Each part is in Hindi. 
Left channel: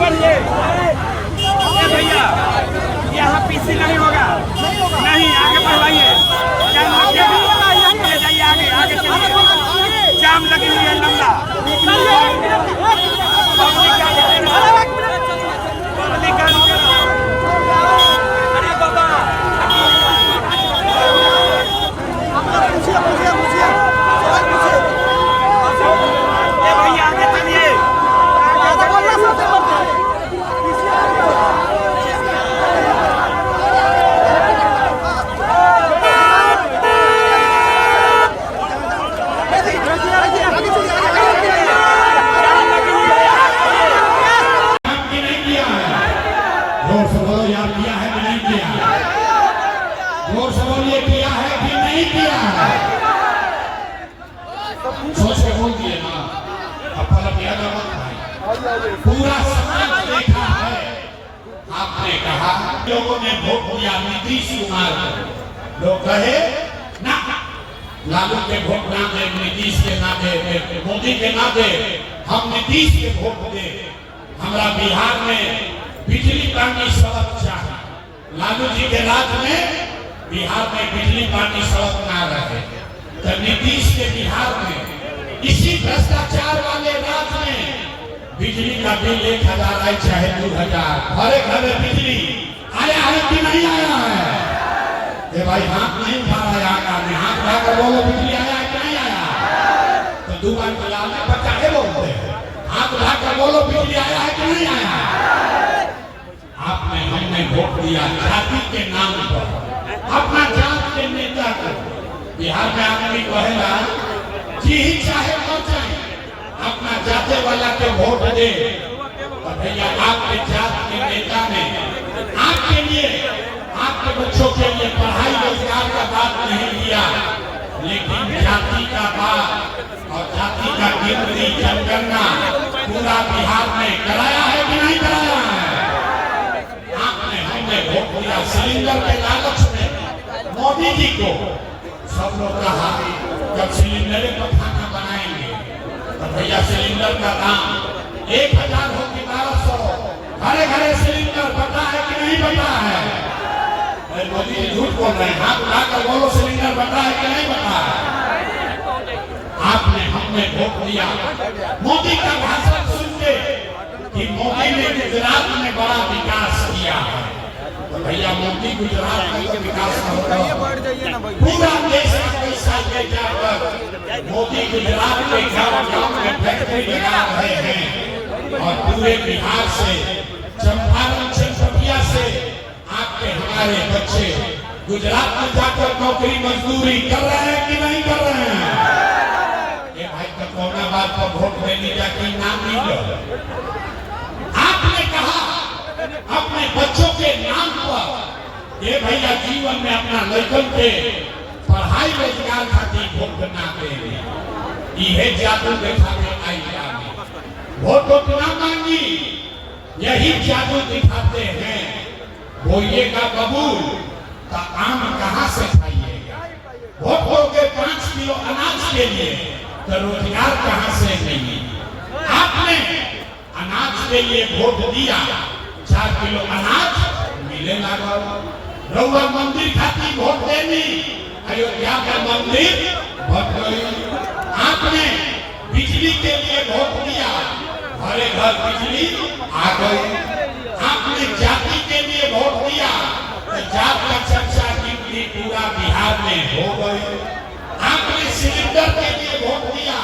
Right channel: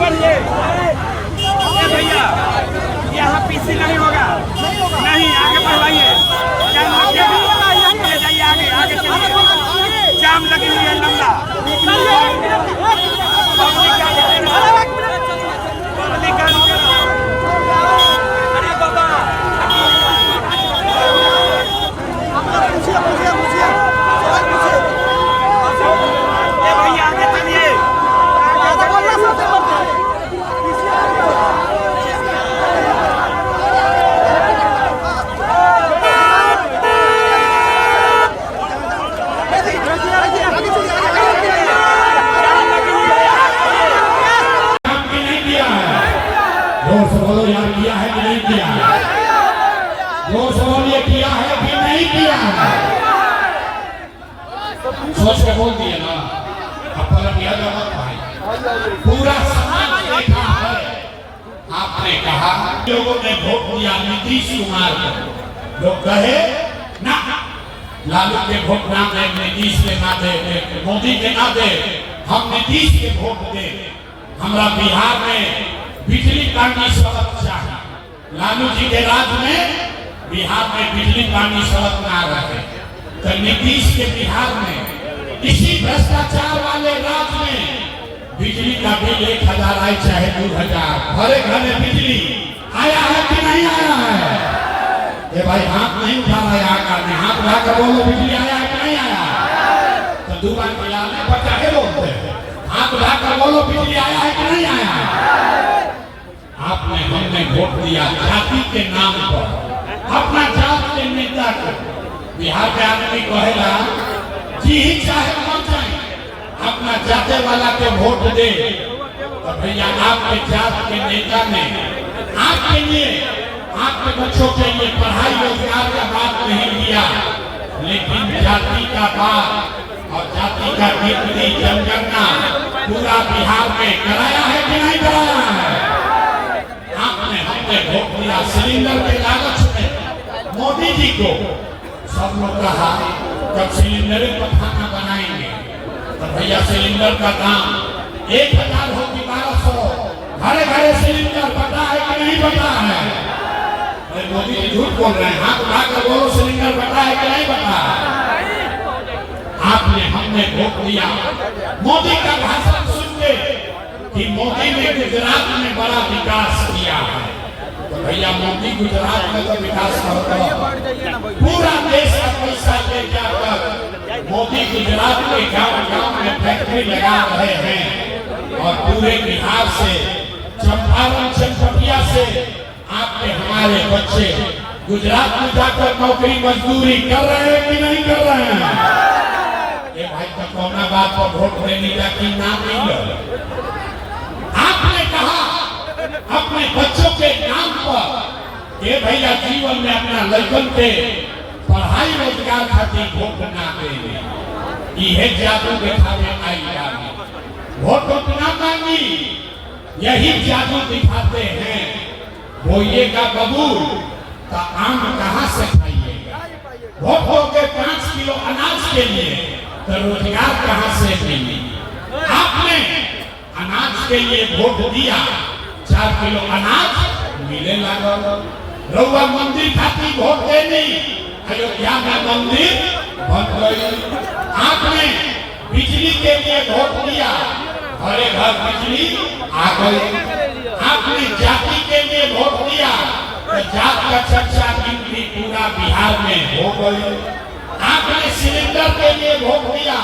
बढ़िए भैया, यहाँ पीसी नहीं होगा, नहीं आगे बढ़वाइए, जाम लग गया, जाइए आगे आगे चलिए, जाम लगी हुई है लंबा। अरे बाबा भैया आगे चलिए, सोच के बोल दिए ना, किया पूरा देखा है। आपने कहा लोगों ने वोट दिया नीतीश कुमार को, लोग कहे ना लालू के वोट ना दे, नीतीश के ना दे, मोदी के ना दे, हम नीतीश के वोट दे। हमारा बिहार में बिजली पानी सड़क चाहिए। लालू जी के राज में बिहार में बिजली पानी सड़क ना रहे, तो नीतीश के बिहार में इसी भ्रष्टाचार वाले राज्य में बिजली का बिल 1000 आए चाहे 2000, हर घर में बिजली आया है कि नहीं आया है? ये भाई हाथ नहीं उठा रहा है, हाथ उठाकर बोलो बिजली आया है कि नहीं आया? तो दुकान खिलाने पर चाहे बोलते हैं, हाथ उठाकर बोलो बिजली आया है कि नहीं आया है? आपने हमने वोट दिया जाति के नाम पर, अपना जात के नेता को। बिहार में आदमी कहेगा जी ही चाहे मर जाए, अपना जाते वाला के वोट दे। तो भैया आपके जात के नेता ने आपके लिए, आपके बच्चों के लिए पढ़ाई रोजगार का बात नहीं किया, लेकिन जाति का बात और जाति का गिनती जनगणना पूरा बिहार में कराया है कि नहीं कराया है? आपने हमने वोट दिया सिलेंडर के लालच में मोदी जी को। सब लोग कहा जब सिलेंडर पर खाना बनाएंगे तो भैया सिलेंडर का दाम 1000 हो कि 1200, घरे घरे सिलेंडर पता है कि नहीं पता है? अरे मोदी जी झूठ बोल रहे हैं, हाथ उठाकर बोलो सिलेंडर पता है कि नहीं पता है? आपने हमने वोट दिया मोदी का भाषण सुन के कि मोदी ने गुजरात में बड़ा विकास किया है। तो भैया मोदी गुजरात में तो विकास होगा, पूरा देश का पैसा ले जाकर मोदी गुजरात के गांव-गांव में फैक्ट्री लगा रहे हैं और पूरे बिहार से, चंपारण चनपटिया से आपके हमारे बच्चे गुजरात में जाकर नौकरी मजदूरी कर रहे हैं कि नहीं कर रहे हैं? ये भाई तो कोरोना बात पर वोट देने जाके नाम नहीं लो। आपने कहा अपने बच्चों के नाम पर ये भैया जीवन में अपना लड़कन पे पढ़ाई रोजगार खातिर वोट ना देंगे, यह जादू दिखावे आई जाए। वोट ना मांगी, यही जादू दिखाते हैं। बोइएगा बबूल तो आम कहाँ से खाइएगा? वोट होके 5 किलो अनाज के लिए तो रोजगार कहाँ से देंगे? आपने अनाज के लिए वोट दिया, 4 किलो अनाज मिले लगा। रउआ मंदिर खातिर वोट देनी, अयोध्या में मंदिर बन गई। आपने बिजली के लिए वोट दिया, घरे घर बिजली आ गई। आपने जाति के लिए वोट दिया, तो जात का चर्चा गिनती पूरा बिहार में हो गई। आपने सिलेंडर के लिए वोट दिया,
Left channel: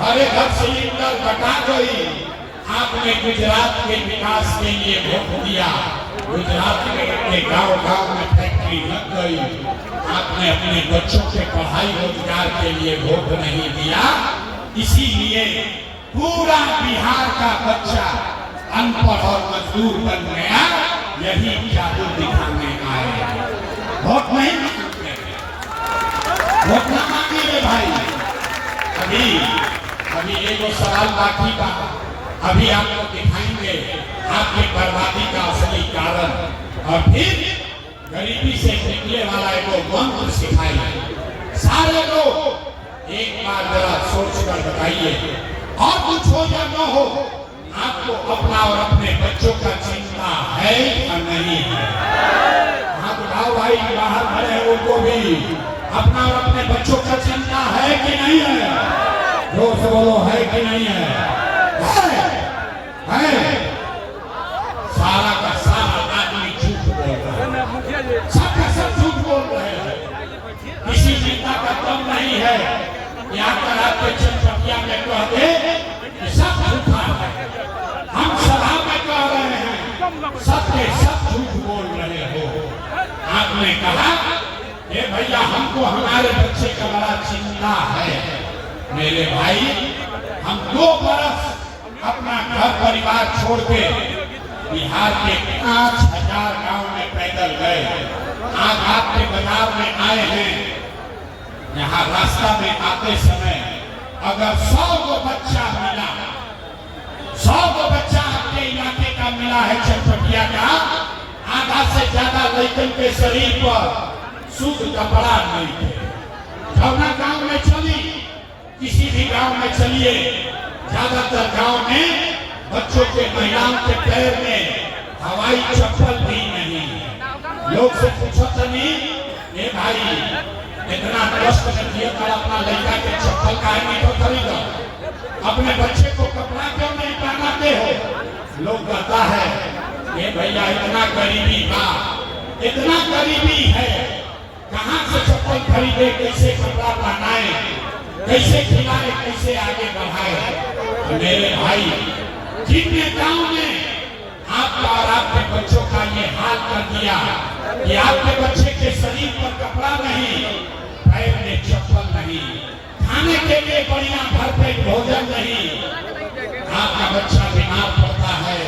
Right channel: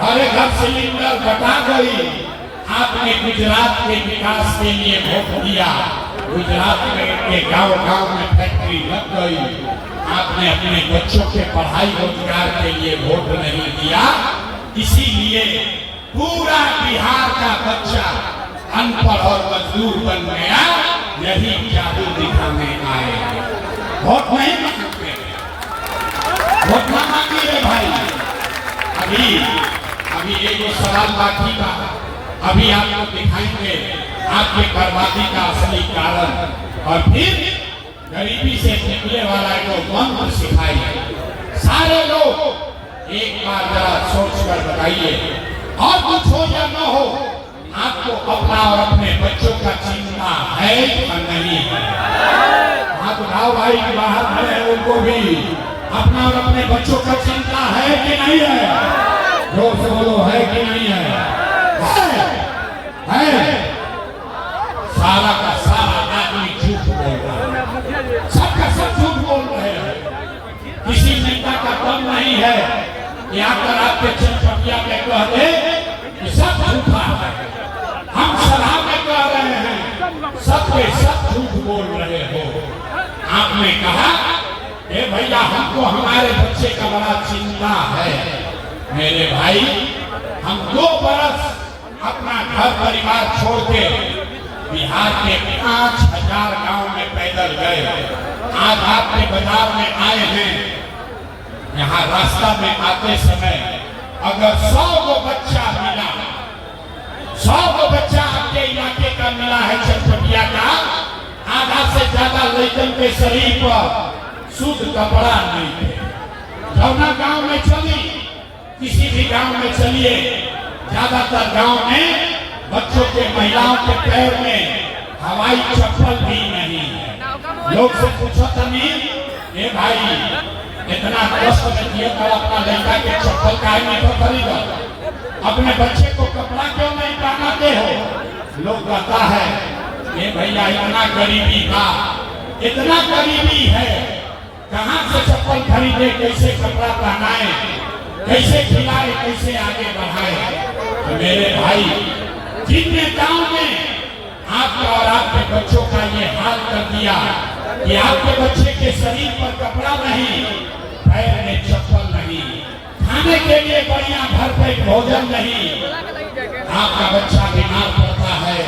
घरे घर सिलेंडर बटा गई। आपने गुजरात के विकास के लिए वोट दिया, गुजरात के गांव-गांव में फैक्ट्री लग गई। आपने अपने बच्चों के पढ़ाई रोजगार के लिए वोट नहीं दिया, इसीलिए पूरा बिहार का बच्चा अनपढ़ और मजदूर बन गया। यही जादू दिखाने आए। वोट नहीं मांगते, वोट ना मांगिए भाई। अभी एक सवाल बाकी था, अभी आपको दिखाएंगे आपकी बर्बादी का असली कारण, और फिर गरीबी से निकले वाला को मंत्र सिखाइए। सारे लोग एक बार जरा सोच कर बताइए, और कुछ हो या न हो, आपको अपना और अपने है और नहीं है। हाथ उठाओ भाई, बाहर खड़े हैं उनको भी अपना और अपने बच्चों का चिंता है कि नहीं है? जोर से बोलो, है कि नहीं है? है। सारा का सारा आदमी झूठ बोल रहा है, सबका सब झूठ बोल रहे हैं। किसी नेता का दम नहीं है कि आकर आपके चटपटिया में कहते कि सब झूठा है। हम सभा में कह रहे हैं, सबके सब झूठ बोल रहे हो। आपने कहा ए भैया हमको हमारे बच्चे का बड़ा चिंता है। मेरे भाई, हम 2 बरस अपना घर परिवार छोड़ के बिहार के 5000 गांव में पैदल गए। आज आपके बाजार में आए हैं। यहाँ रास्ता में आते समय अगर 100 को बच्चा मिला, 100 को बच्चा आपके इलाके का मिला है चटपटिया का, आधा से ज्यादा लड़कन के शरीर पर शुद्ध कपड़ा नहीं थे। अपना गांव में चली, किसी भी गांव में चलिए, ज्यादातर गांव में बच्चों के, महिलाओं के पैर में हवाई चप्पल भी नहीं है। लोग से पूछो तभी, ये भाई इतना कष्ट किए कर अपना लड़का के चप्पल काहे नहीं तो खरीदो, अपने बच्चे को कपड़ा क्यों नहीं पहनाते हो? लोग कहता है ये भैया इतना गरीबी था, इतना गरीबी है, कहां से चप्पल खरीदे, कैसे कपड़ा पहनाए, कैसे खिलाए, कैसे आगे बढ़ाए? तो मेरे भाई, जिन नेताओं ने आपका और आपके बच्चों का ये हाल कर दिया कि आपके बच्चे के शरीर पर कपड़ा नहीं, पैर में चप्पल नहीं, खाने के लिए बढ़िया भरपेट भोजन नहीं, आपका बच्चा बीमार पड़ता है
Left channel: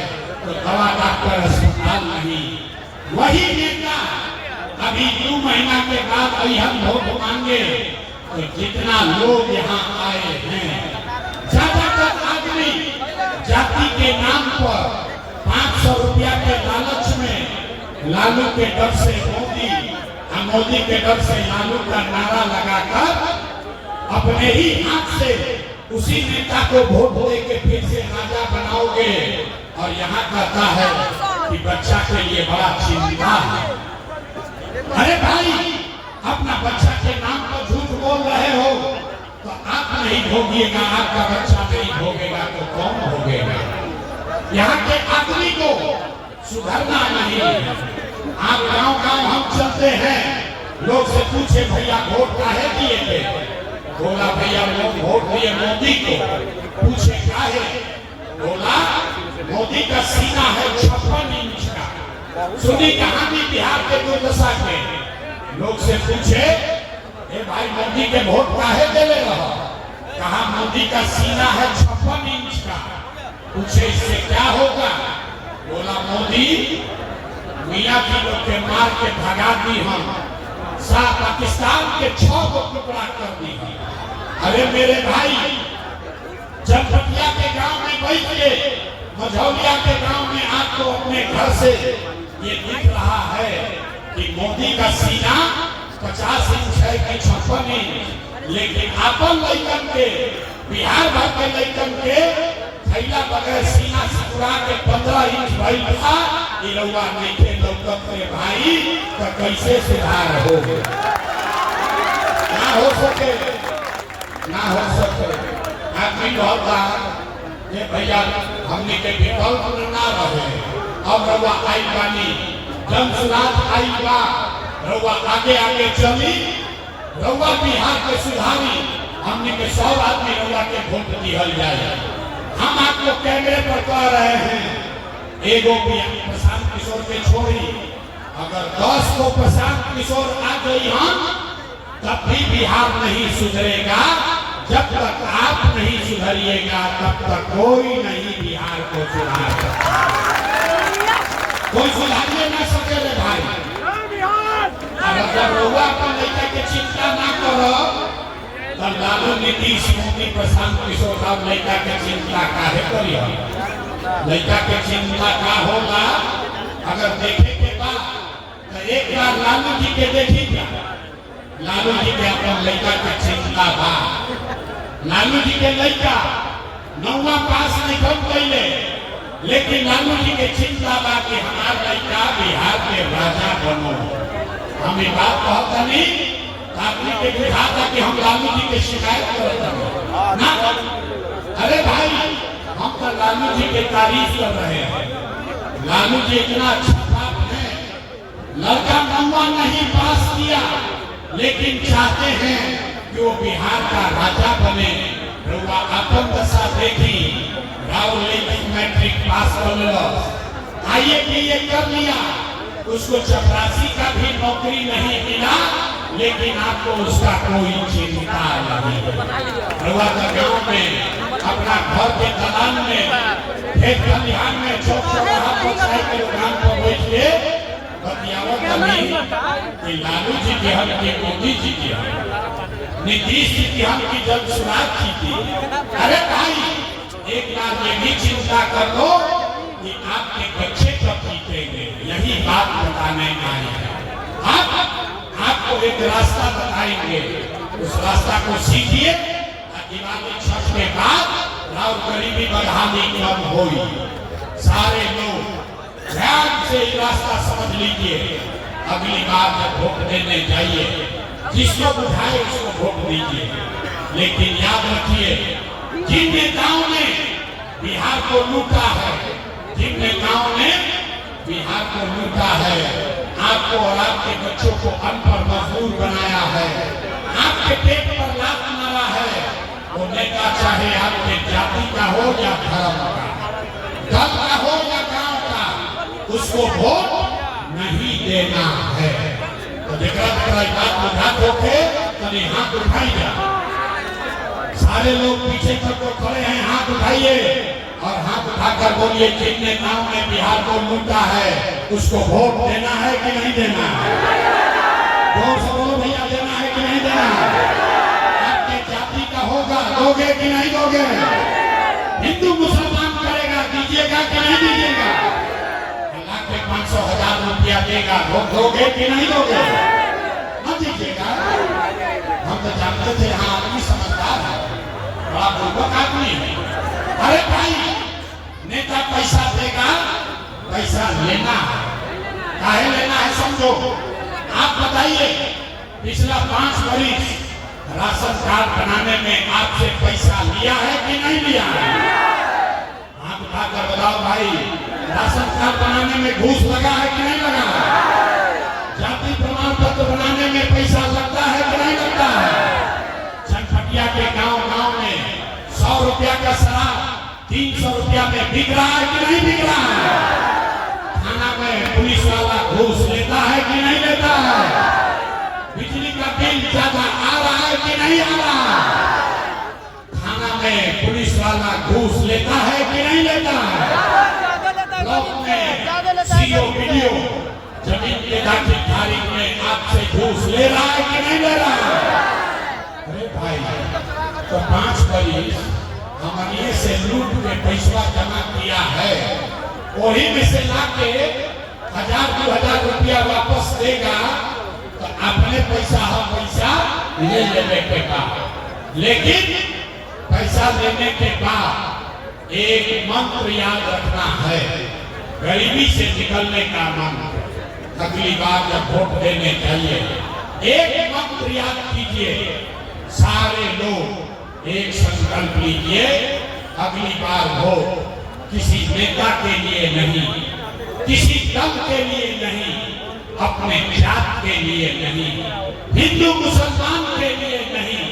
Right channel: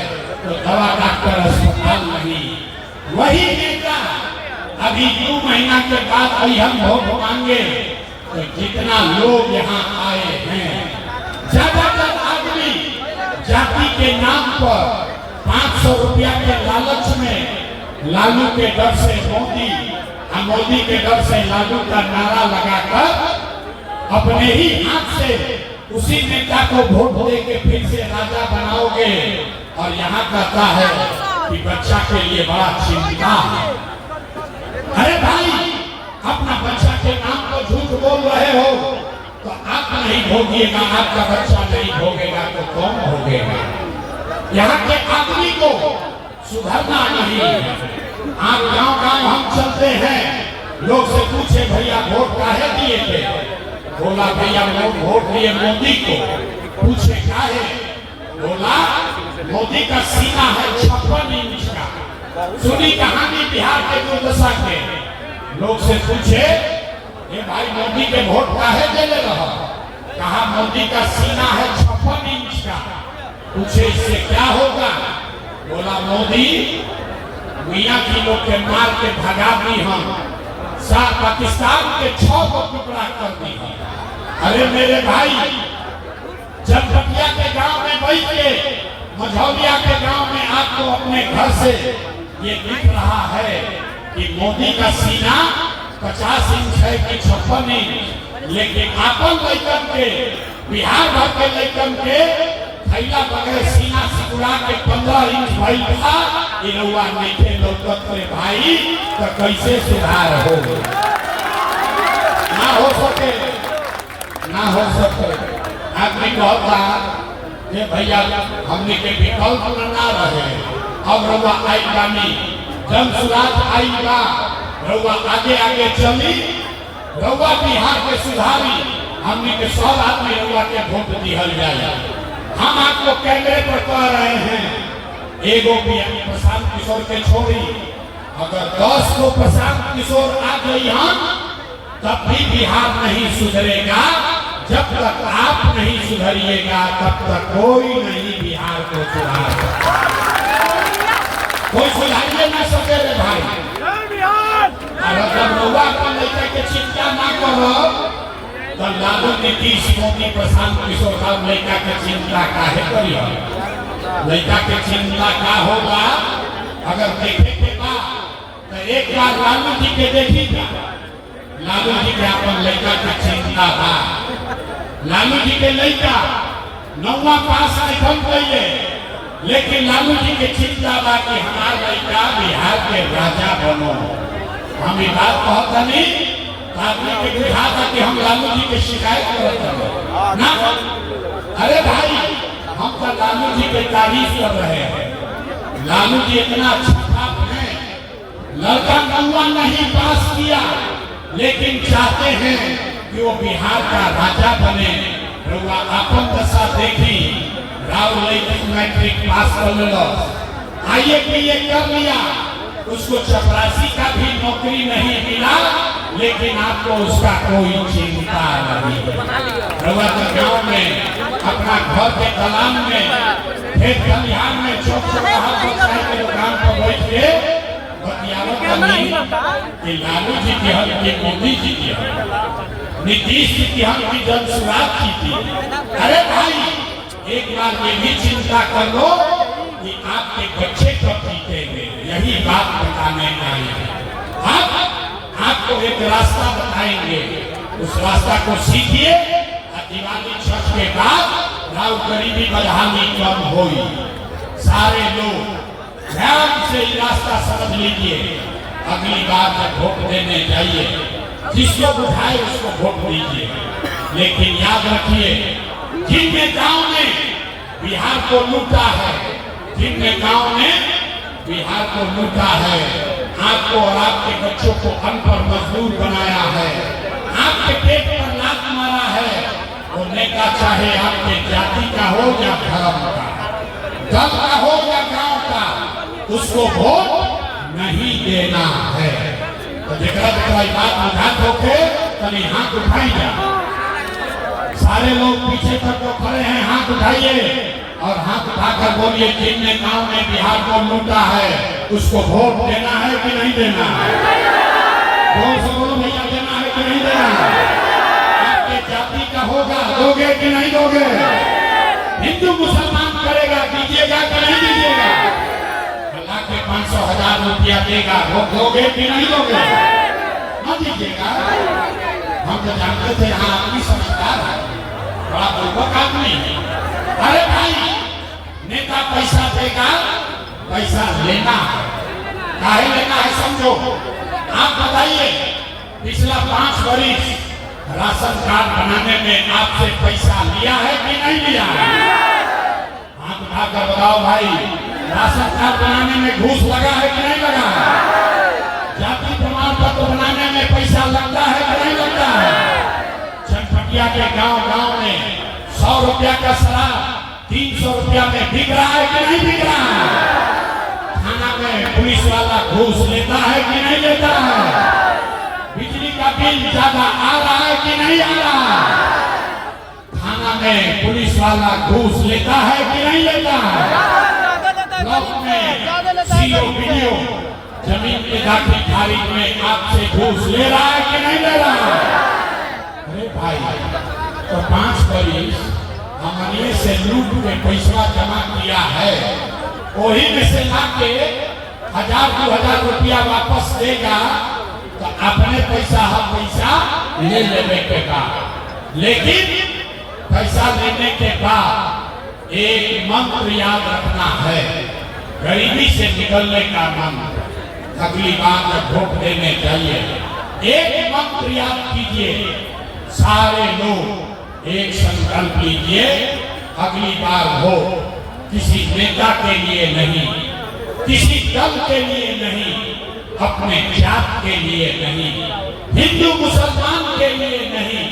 तो दवा डॉक्टर अस्पताल नहीं, वही नेता अभी 2 महीना के बाद अभी हम वोट मांगे तो जितना लोग यहाँ आए हैं, ज्यादातर आदमी जाति के नाम पर 500 रुपया के लालच में लालू के डर से मोदी के डर से लालू का नारा लगाकर अपने ही हाथ से उसी नेता को वोट दे के फिर से राजा बनाओगे। और यहाँ कहता है कि बच्चा के लिए बड़ा चिंता है। अरे भाई, अपना बच्चा के नाम पर झूठ बोल रहे हो तो आप नहीं भोगिएगा, आपका बच्चा नहीं भोगेगा तो कौन भोगेगा? यहाँ के आदमी को सुधरना नहीं है। आप गांव-गांव हम चलते हैं, लोग से पूछे भैया वोट काहे दिए थे? बोला भैया वोट दिए मोदी को। पूछे क्या है? बोला मोदी का सीना है 56 इंच का। सुनी कहानी बिहार के दुर्दशा के। लोग से पूछे ये भाई मोदी के वोट काहे देले रहा? कहा मोदी का सीना है 56 इंच का। पूछे इससे क्या होगा? बोला मोदी मियाँ की लोग के मार के भगा दी हम, पाकिस्तान के 6 को टुकड़ा कर दी। अरे मेरे भाई, चटपटिया के गांव में बैठ के, मझौलिया के गांव में आपको अपने घर से ये दिख रहा है कि मोदी का सीना 50 इंच है कि 56 इंच, लेकिन अपन लड़कन के, बिहार भर के लड़कन के थैला बगैर सीना सिकुड़ा के 15 इंच भइल था। ये रउआ नहीं थे लौकत रे भाई, तो कैसे सुधार हो? ना हो सके, ना हो सके। आदमी बहुत था ये भैया हमने के विकल्प ना रहे। अब रउआ आई गानी जन सुराज आई बा, रउआ आगे आगे चली, रउआ बिहार के सुधारी, हमने के 100 आदमी रउआ के वोट दिहल जाए। हम आपको कैमरे पर कह रहे हैं, एगो भी प्रशांत किशोर के छोड़ी, अगर 10 को प्रशांत किशोर आ गई हम, तब भी बिहार नहीं सुधरेगा। जब तक आप नहीं सुधरिएगा तब तक कोई नहीं बिहार को सुधारेगा। कोई सुधारिए न सके रे भाई। अगर जब रउआ अपन लड़का के चिंता ना करो तो लालू, नीतीश, मोदी, प्रशांत किशोर साहब लड़का के चिंता काहे करियो? लड़का के चिंता का होगा? अगर देखे के बाद तो एक बार लालू जी के देखिएगा। लालू जी के अपन लड़का के चिंता था। लालू जी के लड़का 9वां पास नहीं कर पहले लेकिन लालू जी के चिंता बा कि हमार लड़का बिहार के राजा बनो। हम ये बात कहता नहीं ताकि बिहार का कि हम लालू जी के शिकायत करते ना। अरे भाई हम तो लालू जी की तारीफ कर रहे हैं। लालू जी इतना अच्छा छात्र है, लड़का नौवा नहीं पास किया लेकिन चाहते हैं कि वो बिहार का राजा बने। अपन दशा देखी राहुल मैट्रिक पास कर लो, IAPA कर लिया, उसको चपरासी का भी नौकरी नहीं मिला लेकिन आपको उसका कोई चिंता नहीं। गाँव में अपना घर के दलान में खेत खलिहान में छोटे काम को बैठ के बतियावत नहीं कि लालू जी की हम की मोदी जी की हम नीतीश जी की हम की जन शुरुआत की थी। अरे भाई एक बार ये भी चिंता कर लो कि आपके बच्चे कब जीतेंगे, यही बात बताने आए हैं। आपको एक रास्ता बताएंगे, उस रास्ता को सीखिए। दिवाली छठ के बाद राव गरीबी बढ़ानी कम होगी। सारे लोग ध्यान से रास्ता समझ लीजिए। अगली बार जब वोट देने जाइए जिसको उठाए उसको वोट दीजिए, लेकिन याद रखिए जिन नेताओं ने बिहार को लूटा है, जिन नेताओं ने बिहार को लूटा है, आपको और आपके बच्चों को अनपढ़ मजदूर बनाया है, आपके पेट पर लात मारा है, वो नेता चाहे आपके जाति का हो या धर्म का, दल का हो या गांव का, उसको वोट नहीं देना है। तो देखा बात बुझा होके कभी हाथ उठाइए। सारे लोग पीछे तक तो खड़े हैं, हाथ उठाइए और हाथ उठाकर बोलिए जिन नेताओं ने बिहार को लूटा है उसको वोट देना है कि नहीं देना है। जोर से बोलो भैया, देना है कि नहीं देना है। आपके जाति का होगा, दोगे कि नहीं दोगे। हिंदू मुसलमान करेगा, दीजिएगा कि नहीं दीजिएगा। 500,000 रुपया देगा, वो दोगे कि नहीं दोगे। न दीजिएगा। हम तो जानते थे यहाँ आदमी समझदार है, बड़ा बुर्बक आदमी है। अरे भाई नेता पैसा देगा, पैसा लेना है, काहे लेना है समझो। आप बताइए पिछला 5 वर्ष राशन कार्ड बनाने में आपसे पैसा लिया है कि नहीं लिया है। हाथ उठाकर बताओ भाई, राशन कार्ड बनाने में घूस लगा है कि नहीं लगा है। जाति प्रमाण पत्र बनाने में पैसा लगता है कि नहीं लगता है। चनपटिया के गांव में 100 रुपया का शराब 300 रुपया में बिक रहा है कि नहीं बिक रहा है। थाना में पुलिस वाला घूस लेता है कि नहीं लेता है। बिजली का बिल ज्यादा आ रहा है कि नहीं आ रहा है। थाना में पुलिस वाला घूस लेता है कि नहीं लेता है। सीओ जमीन के दाखिल खारिज में आपसे घूस ले रहा है कि नहीं ले रहा है। अरे भाई तो 5 वर्ष हमने से लूट के पैसा जमा किया है, वही में से लाके 1000-2000 रुपया वापस देगा तो अपने पैसा ले लेने के बाद, लेकिन पैसा लेने के बाद एक मंत्र याद रखना है, गरीबी से निकलने का मंत्र। अगली बार जब वोट देने चाहिए एक मंत्र याद कीजिए, सारे लोग एक संकल्प लीजिए, अगली बार वोट किसी नेता के लिए नहीं, किसी दल के लिए नहीं, अपने जात के लिए नहीं, हिंदू मुसलमान के लिए नहीं,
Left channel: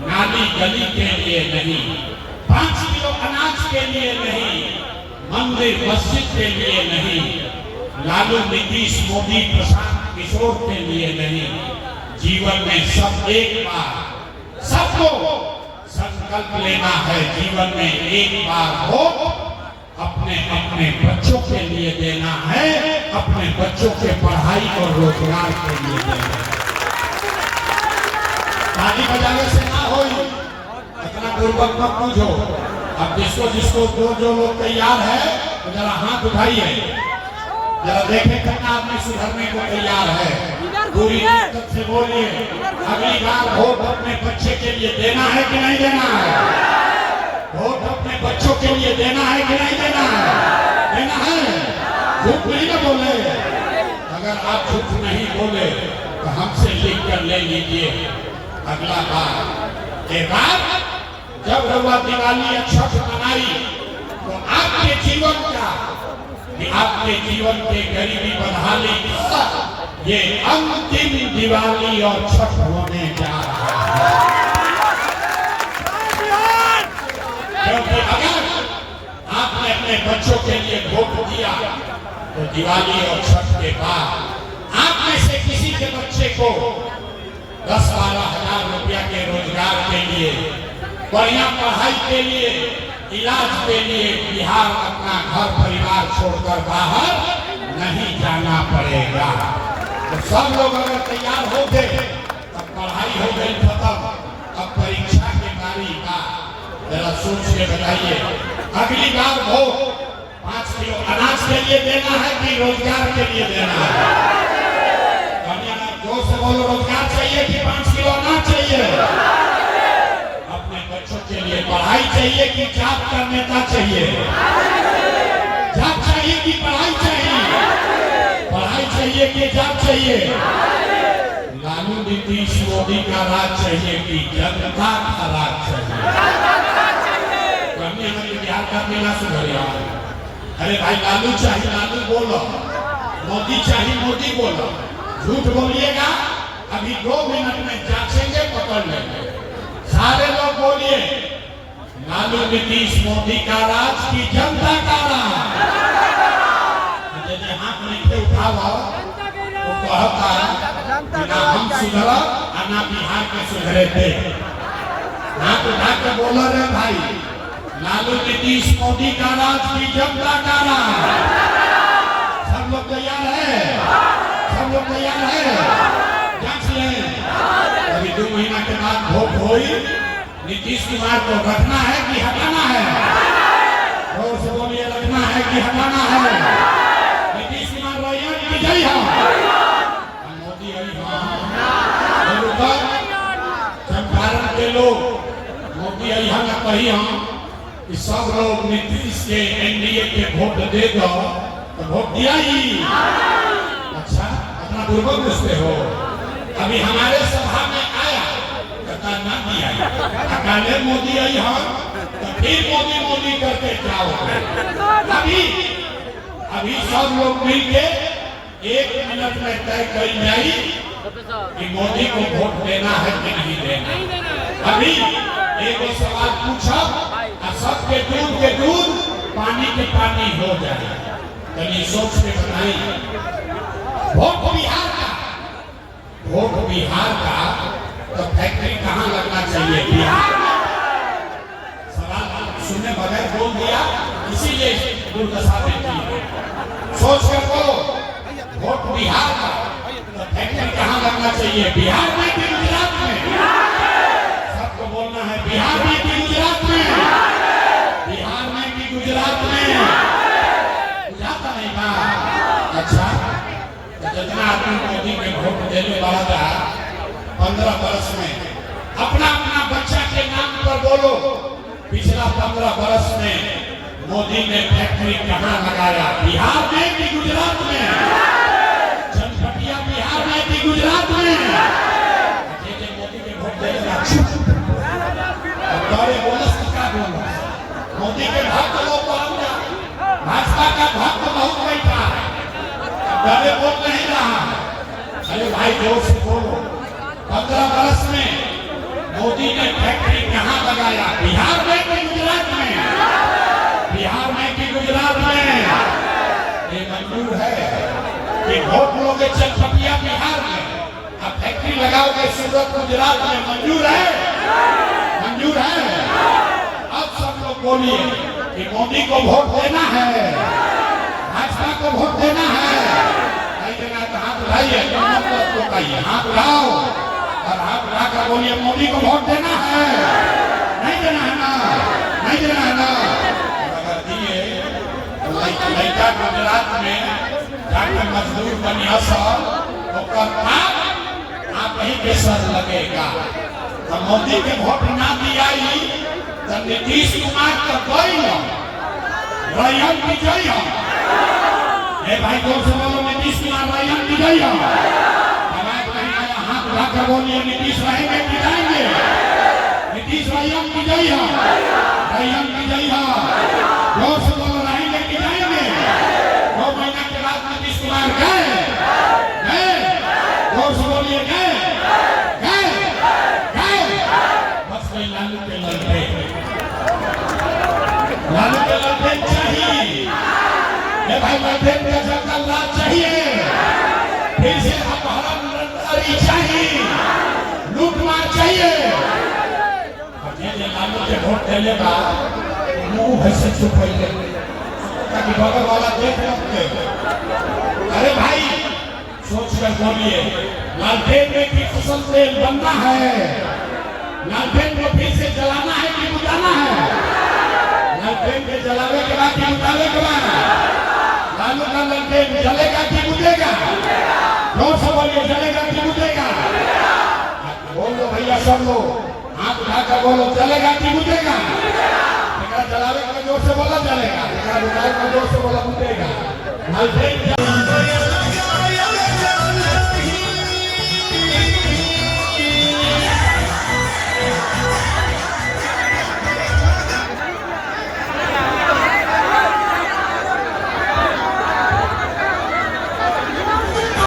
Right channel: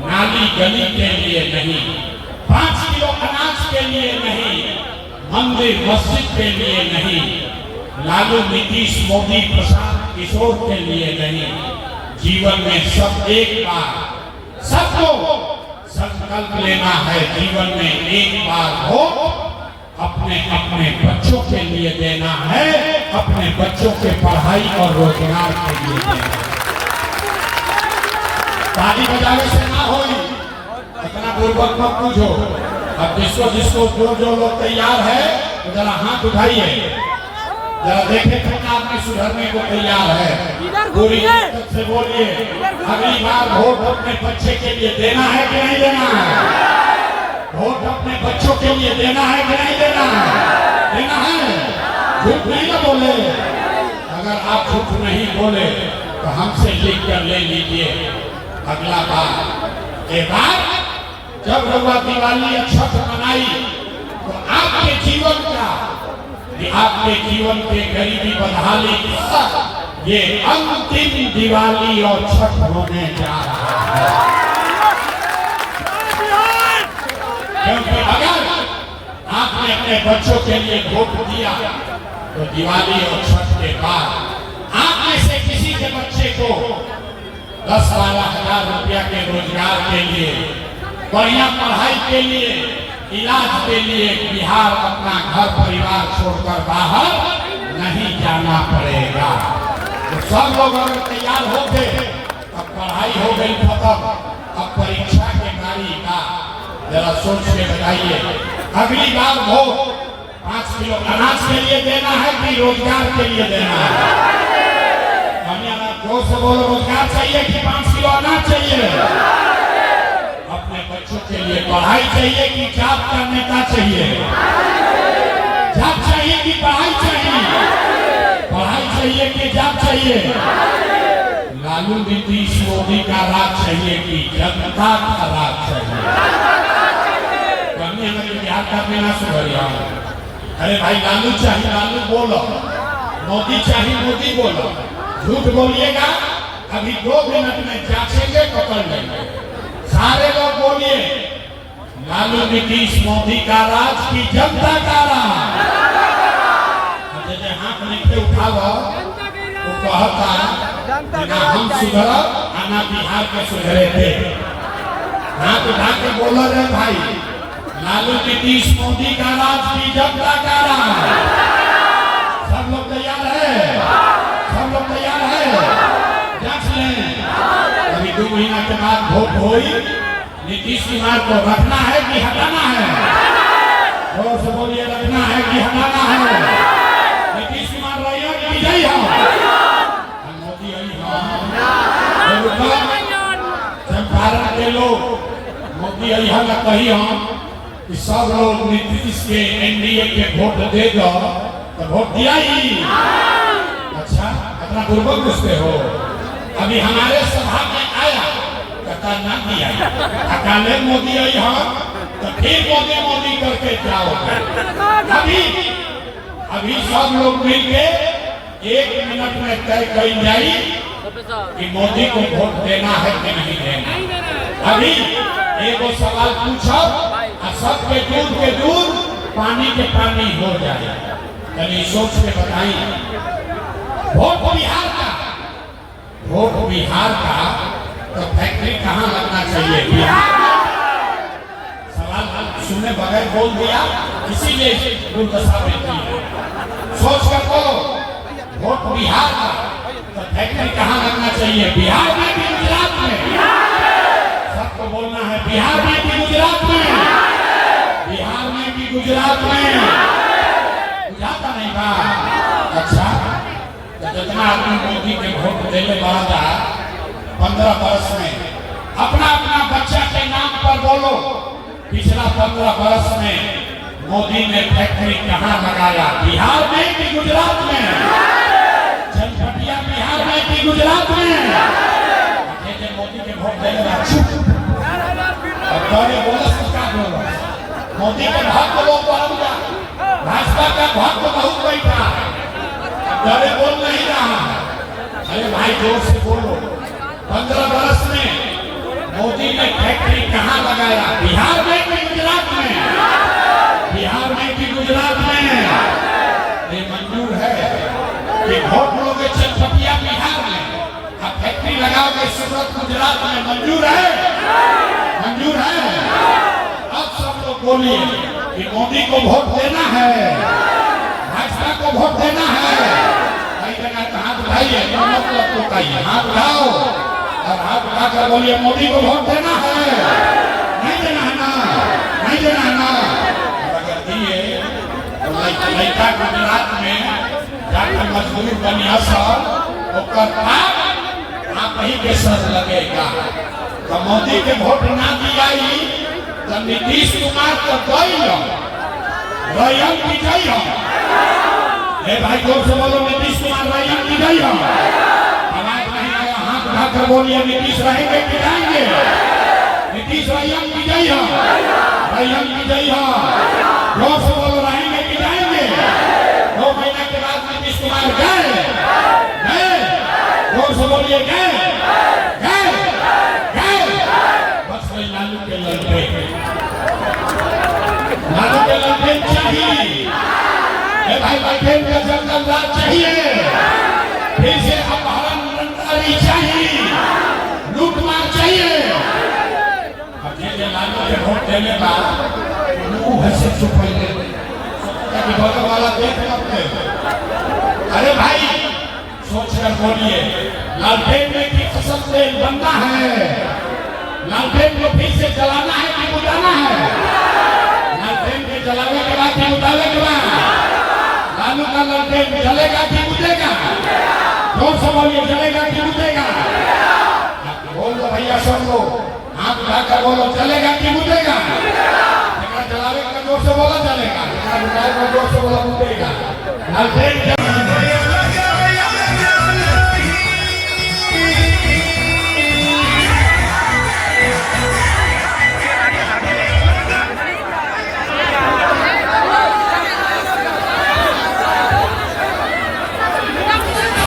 नाली गली के लिए नहीं, 5 किलो अनाज के लिए नहीं, मंदिर मस्जिद के लिए नहीं, लालू नीतीश मोदी प्रशांत किशोर के लिए नहीं, जीवन में सब एक बार सबको संकल्प लेना है, जीवन में एक बार वोट अपने अपने बच्चों के लिए देना है, अपने बच्चों के पढ़ाई और रोजगार के लिए देना है। ताली बजाने से ना हो, इतना पूर्वक मत पूछो। अब जिसको जो लोग तैयार है तो जरा हाथ उठाइए, जरा देखे कितना आदमी सुधरने को तैयार है। पूरी ताकत से बोलिए, अगली बार वोट अपने बच्चे के लिए देना है कि नहीं देना है। वोट अपने बच्चों के लिए देना है कि नहीं देना है। झूठ नहीं ना बोले। अगर आप झूठ नहीं बोले तो हमसे लिख कर ले लीजिए अगला बार के बाद जब रउआ दिवाली छठ मनाई तो आपके जीवन का, आपके जीवन के गरीबी बदहाली ये अंतिम दिवाली और छठ होने जा रहा है। क्योंकि अगर आपने अपने बच्चों के लिए वोट दिया तो दिवाली और छठ के बाद आप में से किसी के बच्चे को 10-12 हजार रुपया के रोजगार के लिए, बढ़िया पढ़ाई के लिए, इलाज के लिए बिहार अपना घर परिवार छोड़कर बाहर नहीं जाना पड़ेगा। तो सब लोग अगर तैयार हो गए, अब पढ़ाई हो गई खत्म, अब परीक्षा के बारी का जरा सोच के बताइए अगली बार वोट 5 किलो अनाज के लिए देना है कि रोजगार के लिए देना है? जो से बोलो रोजगार चाहिए कि 5 किलो अनाज चाहिए? अपने बच्चों के लिए पढ़ाई चाहिए कि जात का नेता चाहिए? जात चाहिए कि पढ़ाई चाहिए? पढ़ाई चाहिए कि जात चाहिए? लालू नीतीश मोदी का राज चाहिए कि जनता का राज चाहिए? बिहार का बिना सुधरिया। अरे भाई लालू चाहिए लालू बोलो, मोदी चाहिए मोदी बोलो। झूठ बोलिएगा अभी 2 मिनट में जांचेंगे पकड़ लेंगे। सारे लोग बोलिए लालू नीतीश मोदी का राज की जनता का राज। हाथ लिखे उठाओ तो कहता हम सुधरा आना बिहार के सुधरे थे। हाथ उठा के बोला रे भाई लालू नीतीश मोदी का राज की जनता का राज। सब लोग तैयार है? सब लोग तैयार है? जांच लें। अभी 2 महीना के बाद वोट हुई, नीतीश कुमार को रखना है कि हटाना है? जोर से बोलिए रखना है कि हटाना है? नीतीश कुमार रहिए कि विजयी हो? मोदी चंपारण के लोग मोदी अहिया कही हम कि सब लोग नीतीश के एनडीए के वोट दे दो तो वोट दिया ही। अच्छा अपना पूर्वक पूछते हो। अभी हमारे सभा में आया कहता ना दिया अकाले मोदी आई हम तो फिर मोदी मोदी करके जाओ। अभी सब लोग मिलके 1 मिनट में तय कर जाई कि मोदी को वोट देना है कि नहीं देना। अभी एक सवाल पूछो और सबके दूध के दूध पानी के पानी हो जाए। यानी सोच के बताइए वोट बिहार का, वोट बिहार का तो फैक्ट्री कहाँ लगना चाहिए? बिहार। सवाल सुनने बगैर बोल दिया इसीलिए दुर्दशा बेटी। सोच कर तो वोट बिहार का तो फैक्ट्री कहाँ लगना चाहिए? बिहार में कि गुजरात में? सबको बोलना है बिहार में कि गुजरात में? बिहार में कि गुजरात में? जाता नहीं था। अच्छा तो जितना आदमी मोदी के वोट देने वाला 15 वर्ष में अपना अपना बच्चा के नाम पर बोलो पिछला 15 वर्ष में मोदी ने फैक्ट्री कहाँ लगाया? बिहार में कि गुजरात में? जनपटिया बिहार में कि गुजरात में? मोदी के वोट देगा मोदी के भक्त लोग बहुत भाजपा का भक्त बहुत बैठा डरे बोल नहीं रहा। अरे भाई जोर से बोलो 15 वर्ष में मोदी ने फैक्ट्री कहाँ लगाया? बिहार में कि गुजरात में? बिहार में कि गुजरात में? ये मंजूर है कि वोट लोगे चनपटिया बिहार में अब फैक्ट्री लगाओगे सूरत गुजरात में? मंजूर है? मंजूर है? बोलिए कि मोदी को वोट देना है, भाजपा को वोट देना है। नहीं देना तो हाथ उठाइए, मतलब तो कहिए हाथ उठाओ और हाथ उठाकर बोलिए मोदी को वोट देना है। नहीं देना है ना? नहीं देना है ना? अगर दिए तो लड़का गुजरात में जाकर मजदूर बनिया सब तो आप ही के साथ लगेगा। तो मोदी के वोट ना दिया तो नीतीश कुमार को गई विजयी जोर से बोलो नीतीश कुमार भाई हम विजयी हो। आवाज नहीं आया हाथ उठाकर बोलिए नीतीश रहेंगे कि जाएंगे। नीतीश भाई हम विजयी हो, भाई हम विजयी हो। जोर से बोलो रहेंगे कि जाएंगे। 2 महीने के बाद नीतीश कुमार गए गए, जोर से बोलिए गए गए गए। बस नहीं लालू के लड़के, लालू के लड़के चाहिए भाई, लड़के के चलना चाहिए। फिर से अपहरण चाहिए, लूटमार चाहिए। लालू के वोट देने का मुंह से छुपाइए वाला देख मत। अरे भाई सोच कर बोलिए, लालटेन में किस फसल तेल बनना है? लालटेन को फिर से जलाना है कि बुझाना है? लालटेन के जलाने के बाद ही बुझाने के बाद लालू का लालटेन जलेगा कि बुझेगा? जोर से बोलिए, जलेगा कि बुझेगा? बोलो भैया सब लोग हाथ उठाकर बोलो, चलेगा कि बुझेगा? जलाने का जोर से बोला चलेगा, जोर से बोला बुझेगा। लालटेन